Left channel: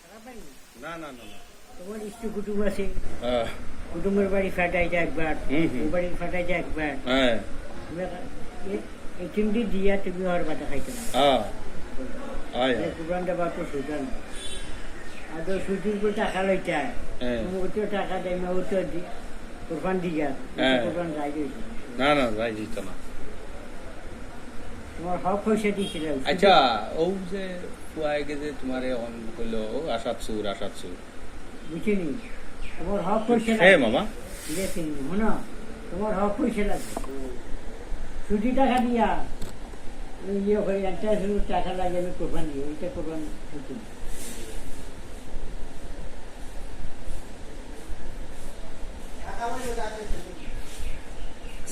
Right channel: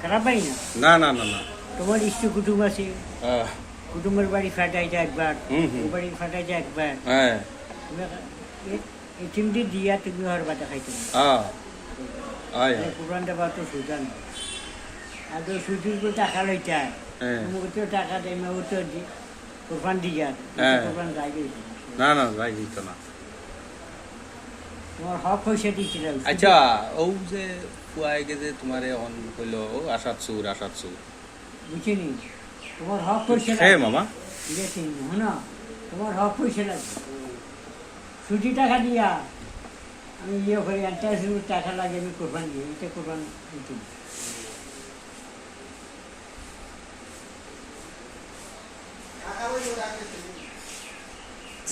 খারাপ পাই না। না না না না তোমার ইষ্ট কুটুম আছে, হ্যাঁ কুটুমের বাড়ি ফাটাইছে একবার, হুম, হুম। ও বাড়ি ফাটাইছে একবার, হ্যাঁ এই চিমটি দিয়া তুমি হর বাটা খাইতে না। হ্যাঁ আয় আয় কোরআনটা বা তো সুজান আর তো সুজির করে টাকা লইতায়, হ্যাঁ ওতেও টাকা দেয় না, ওতেও দি কোরবান দিয়া হ্যাঁ। কোরবান গাই দিয়েছে। না না রাই দিত না। তোমার হক হয়েছে দিচ্ছিল। আচ্ছা ও যে পুয়াই গেছে তোমার অন কইলো ও আসাদ সুর বুঝিনি, তোমার হক হয়েছে হে মামা ঠিক আছে শোনো, তোমার হক হয়েছে লাগে সুজি টাকা দিয়া আমি ইয়ে করি একটা টাকা লাগে আমি কোরবান দিই, এটা কোরবান দিতে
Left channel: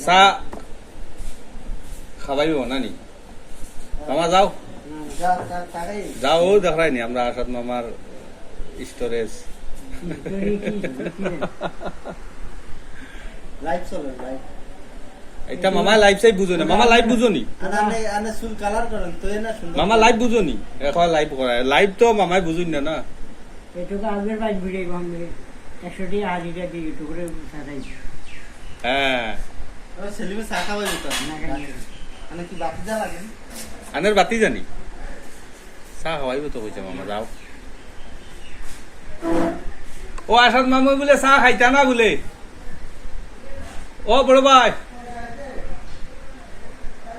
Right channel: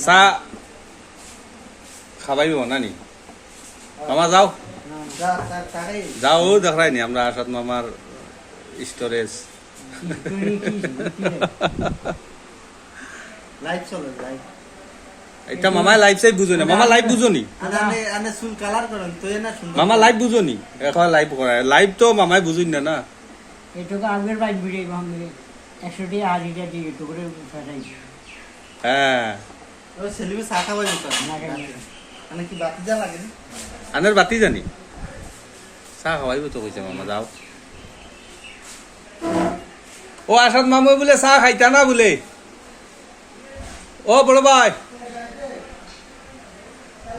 চা খাবাইও নানি মামা যাও যাও ও দেখাই নি আমরা আসাদ মামার স্টোরেজ লাইভ চলে লাইভ এটা মামা লাইভ চাই বুঝো না, মামা লাইভ বুঝো নি, আনে চুল কালার করেন তো না সুন্দর মামা লাইভ বুঝো নি, এখন লাইভ করে লাইভ তো মামাই বুঝুন না না। এটুকু আগের বাইক ভিড়ে ভাঙবে 100 টাকা হাজিরা দিয়ে একটু করে ফাটাই হ্যাঁ ওই ছেলেকে চা খাওয়া যেত না খাই মানে কি বাতি যা লাগে আনের বাতি জানি চা খাওয়াইব তো কইছে মামা যাও। ও আসাদ মামু বলে চা খাইতা না বলে, ও বড় ভাই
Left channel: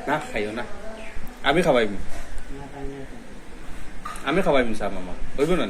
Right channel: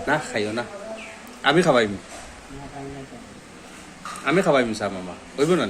না খাইও না, আমি খাওয়াইম না খাই না খাই আমি খাওয়াইম চা মামা হইব না।